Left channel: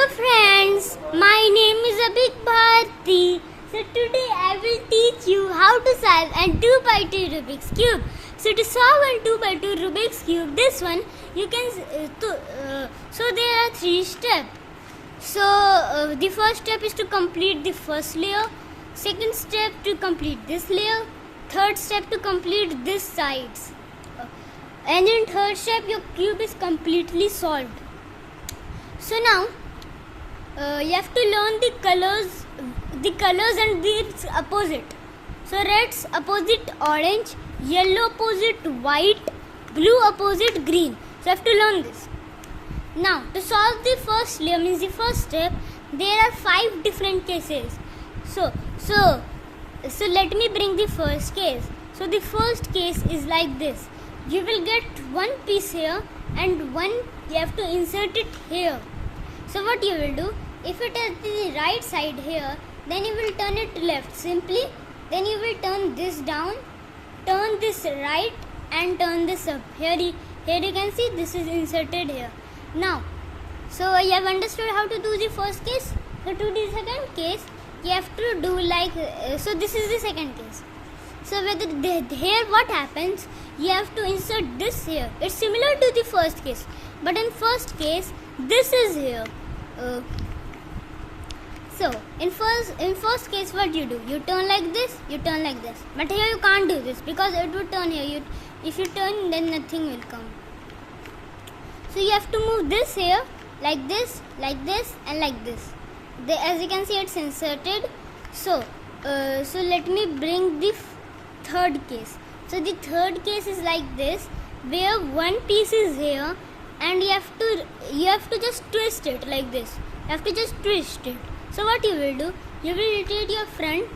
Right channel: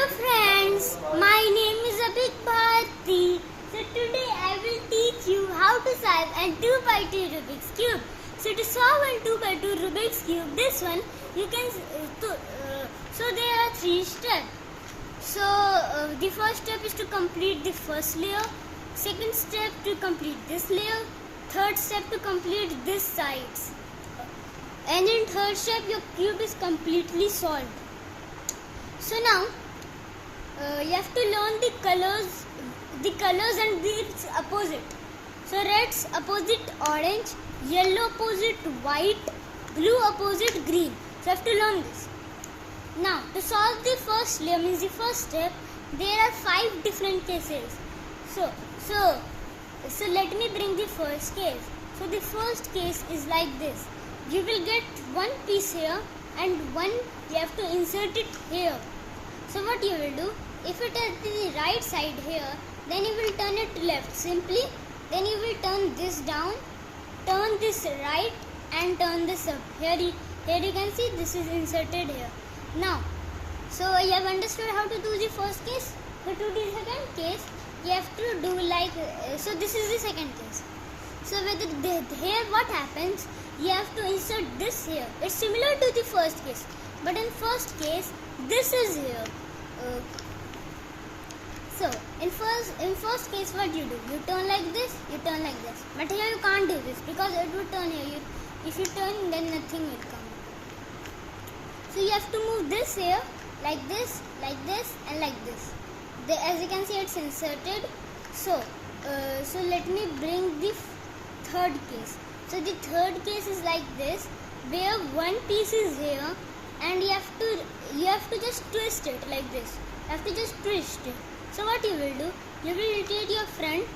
Hello friends, my name is Abhik Bharti. So today I will teach you how to solve a 2x2 Rubik's Cube. So to solve a 2x2 Rubik's Cube, this one you can, so there are 3 steps. So the first step is to complete the first layer, second step to complete this layer, third step to complete this sides. And in third step your cube is completely solved. So now you have to learn the colors and its opposite. So red's opposite orange, yellow opposite white, blue opposite green. So you have to learn this. Now to solve the first layer, means the first step, there are 5 different cases. So let me bring the first case. So the first case is like this. You will get one piece here and one you have to insert it here. So what you will do, if it is the right side here, then you will turn it left simply. Then you will turn this down, turn this right and turn this up. Here you can see this is inserted here. Now, so you have understood how to do the first case. So to do the second case, you have to do like, so this is the second case. So here what happens, you have to insert this here. It's similar to the first case, but in first case this is here. So in first case what you do, you turn like this, you turn like this, but here you can't do this because it would turn here. If you turn, then nothing will come. So you have to move this here like this and like this. As you can see, it's inserted. So let me bring the third case. So the third case is like this, where one piece is here and you have to just twist it like this. You have to just twist it. So what you will do, you will rotate your front,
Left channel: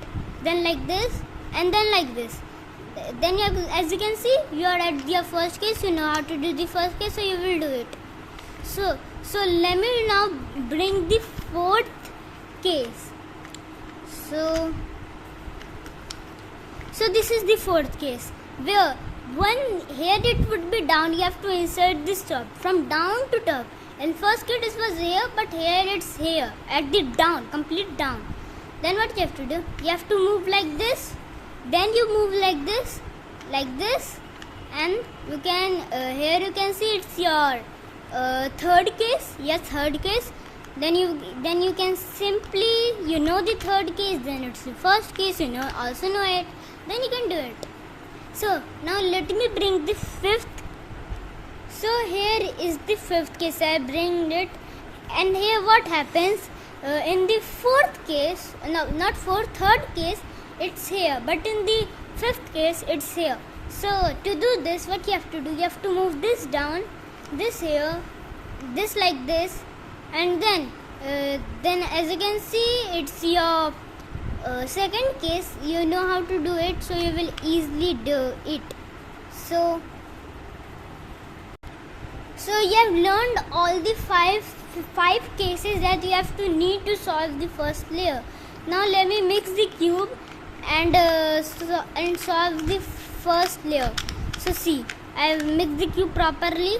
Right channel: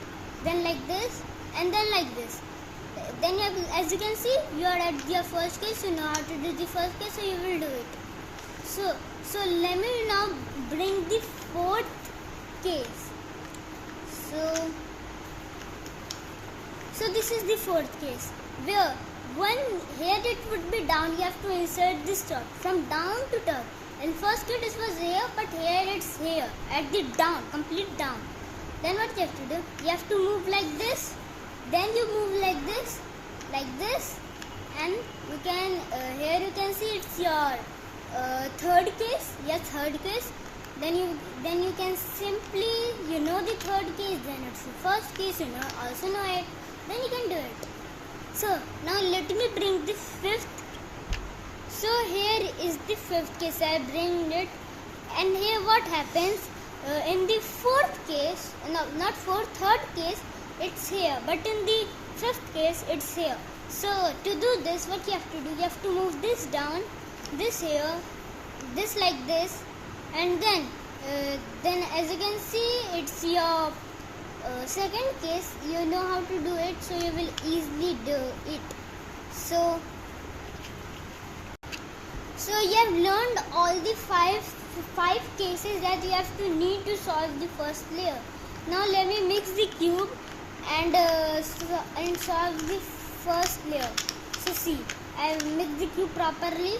then like this and then like this. Then you have, as you can see, you are at your first case. You know how to do the first case, so you will do it. So let me now bring the fourth case. So this is the fourth case, where here it would be down. You have to insert this top from down to top. In first case it was here, but here it's here at the down, complete down. Then what you have to do? You have to move like this. Then you move like this, and you can here you can see it's your third case. Yes, third case. Then you can simply, you know the third case. Then it's the first case. You also know it. Then you can do it. So now let me bring the fifth. So here is the fifth case. I bring it, and here what happens in the fourth case? No, not fourth. Third case, it's here, but in the fifth case, it's here. So to do this, what you have to do? You have to move this down, this here, this like this, and then as you can see, it's your second case. You know how to do it, so you will easily do it. So you have learned all the five cases that you have to need to solve the first layer. Now let me mix the cube and solve the first layer. So see, I have mixed the cube properly.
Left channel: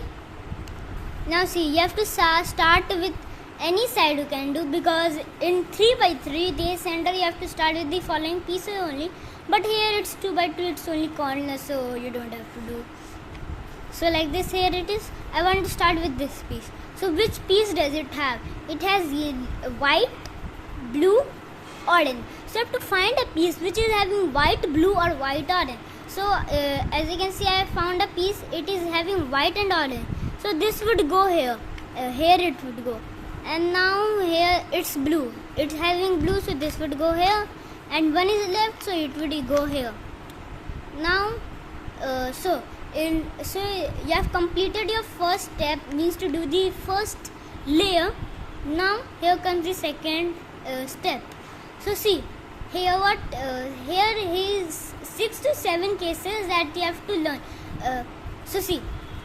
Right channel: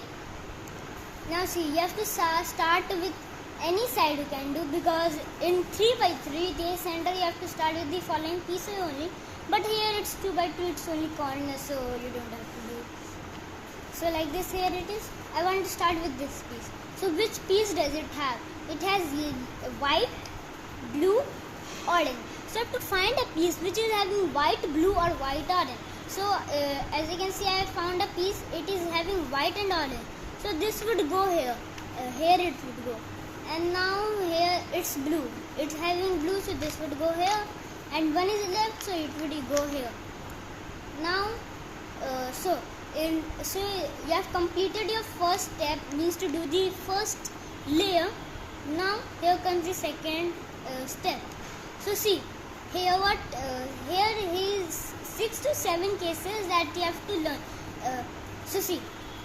Now see, you have to start with any side you can do, because in 3x3 the center you have to start with the following pieces only, but here it's 2x2, it's only corner, so you don't have to do. So like this, here it is. I want to start with this piece. So which piece does it have? It has white, blue, orange. So you have to find a piece which is having white, blue or white, orange. So as you can see, I have found a piece. It is having white and orange. So this would go here. Here it would go. And now here it's blue. It's having blue, so this would go here. And one is left, so it would go here. Now, so you have completed your first step, means to do the first layer. Now here comes the second step. So see, here here is 6 to 7 cases that you have to learn. So see,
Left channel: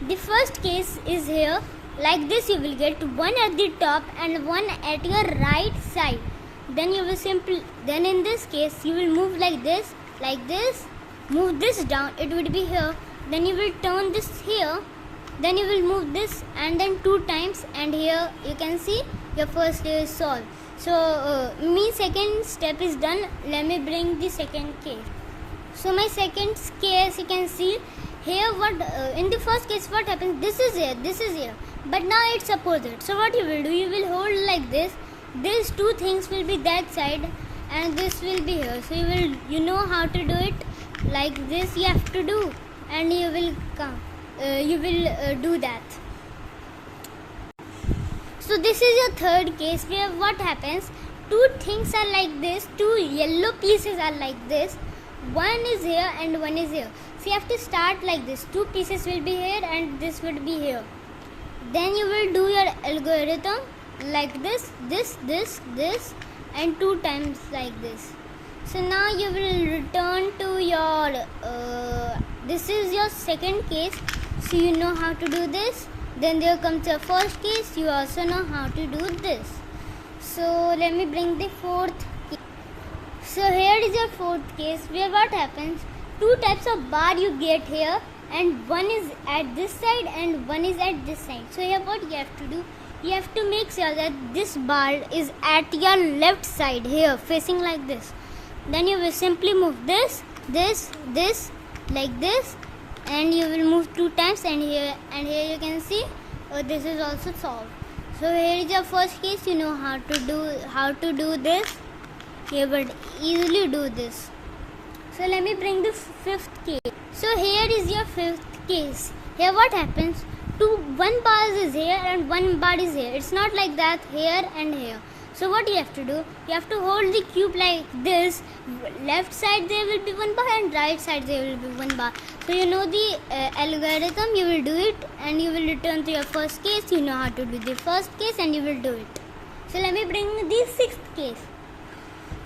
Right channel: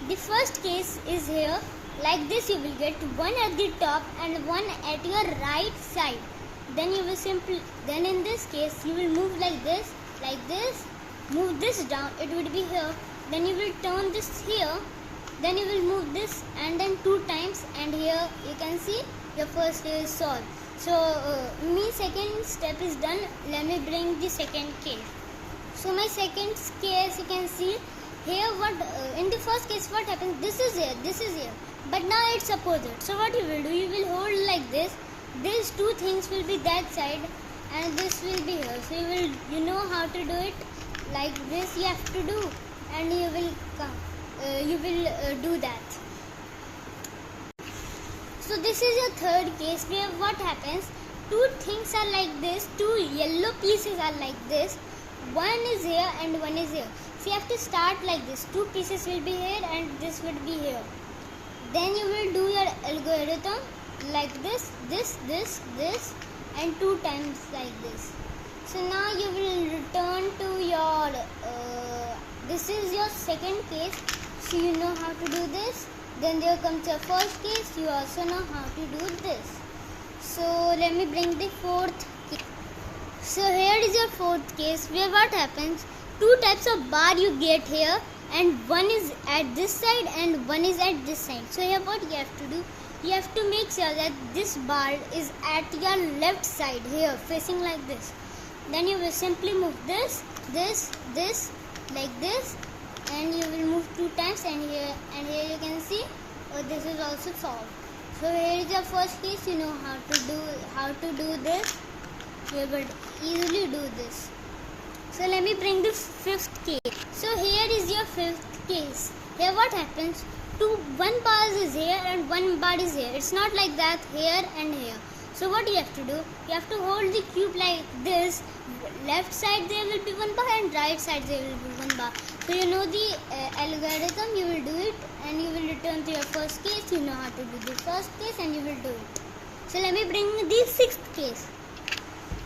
the first case is here. Like this, you will get one at the top and one at your right side. Then you will then in this case you will move like this, move this down. It would be here. Then you will turn this here, Then you will move this and then 2 times, and here you can see your first step is solved. So second step is done. Let me bring the second case. So my second case, you can see here what in the first case what happens, this is here, but now it's opposite. So what you will do, you will hold like this, these two things will be that side and this will be here. So you know how to do it, like this you have to do, and you will do that. So this is your third case, where what happens, two things are like this, two yellow pieces are like this, one is here and one is here. So you have to start like this, two pieces will be here and this would be here. Then you will do your algorithm like this, and 2 times like this. So now you will return to your this is your second case, so you know how to do this. Then there comes your first case, you also know how to do this. So let me bring the fourth case. So here is your fourth case, where what happens, two types of bar you get here, and one is at this side and one is at this side. So here what you have to do, you have to make sure that this bar is at your left side here, facing like this. Then you will simply move this like this, and you will move 2 times, and here you can see this is also solved. So here is your first case, you know how to do this, you will easily do this. So let me bring the fifth case. So here is your fifth case. Here what happens, one bar is here and one bar is here. It's not like that, here and here. So what you have to do, you have to hold the cube like this. Left side there will be one bar and right side there will be one bar. So you know the algorithm, you will do it and you will return to your first case. You know how to do the first case and you will do it. So let me bring the sixth case.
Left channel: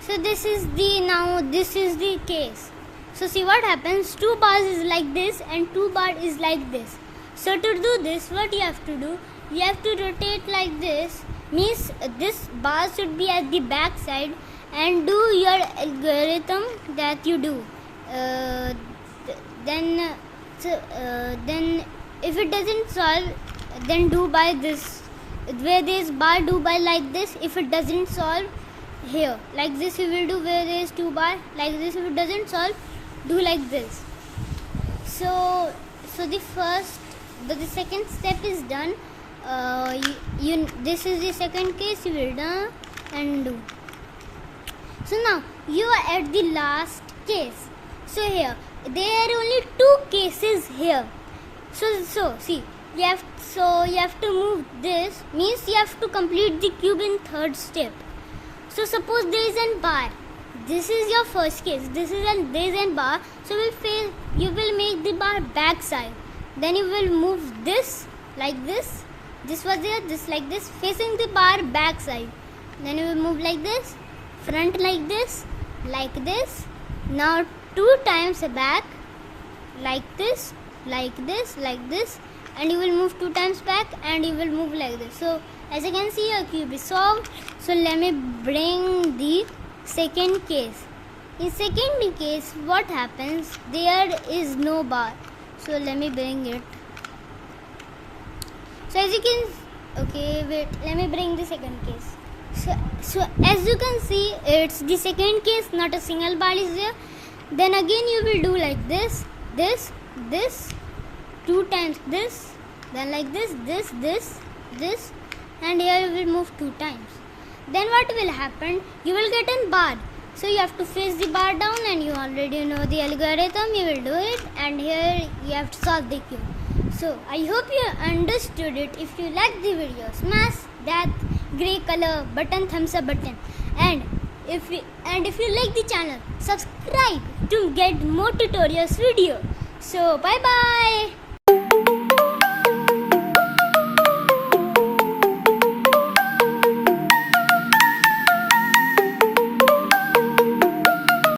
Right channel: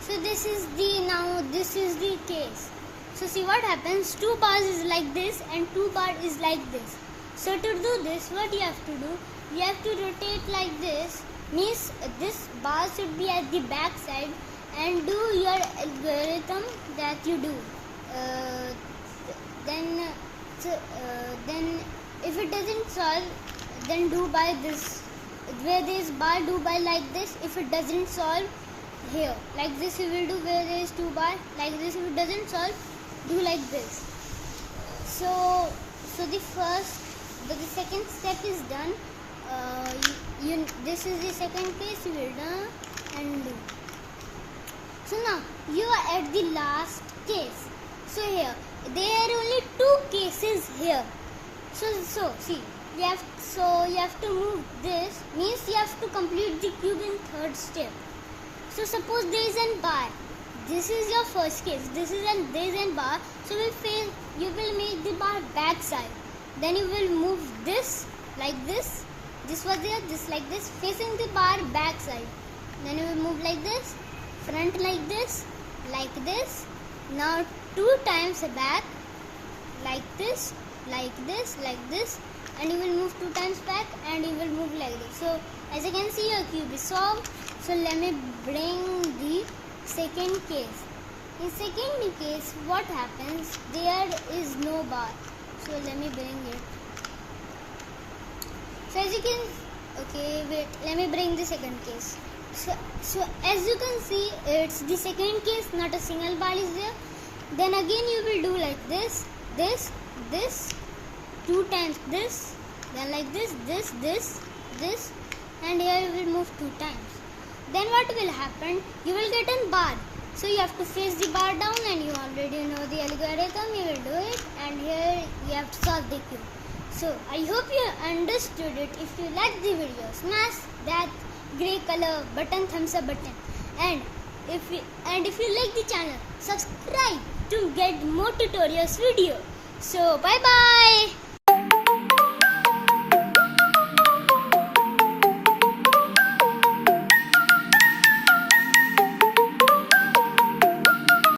So this is the case. So see what happens, 2 bars is like this and 2 bar is like this. So to do this, what you have to do, you have to rotate like this, means this bar should be at the back side, and do your algorithm that you do. Then if it doesn't solve, then do by this, where there is bar, do by like this. If it doesn't solve, here like this you will do, where there is 2 bar like this. If it doesn't solve, do like this. So the second step is done. This is the second case, you will done and do. So now you are at the last case. So here there are only 2 cases here. So see, you have to move this, means you have to complete the cube in third step. So suppose there is a bar. This is your first case. There is a bar. So you will make the bar back side. Then you will move this like this. This was there, this like this, facing the bar back side. Then you will move like this, front like this, like this. Now 2 times back, like this, like this, like this, and you will move 2 times back, and you will move like this. So as you can see, your cube is solved. So let me bring the second case. In second case, what happens? There is no bar. So let me bring it. So as you can, let me bring the second case. So as you can see, it's the second case, not a single bar is there. Then again you will do like this, 2 times this, then like this, and here you will move 2 times. Then what will happen? You will get a bar. So you have to face the bar down, and you already know the algorithm. You will do it, and here you have to solve the cube. So I hope you understood it. If you like the video, smash that grey color button, thumbs up button, and if you like the channel, subscribe to get more tutorials video. So bye bye.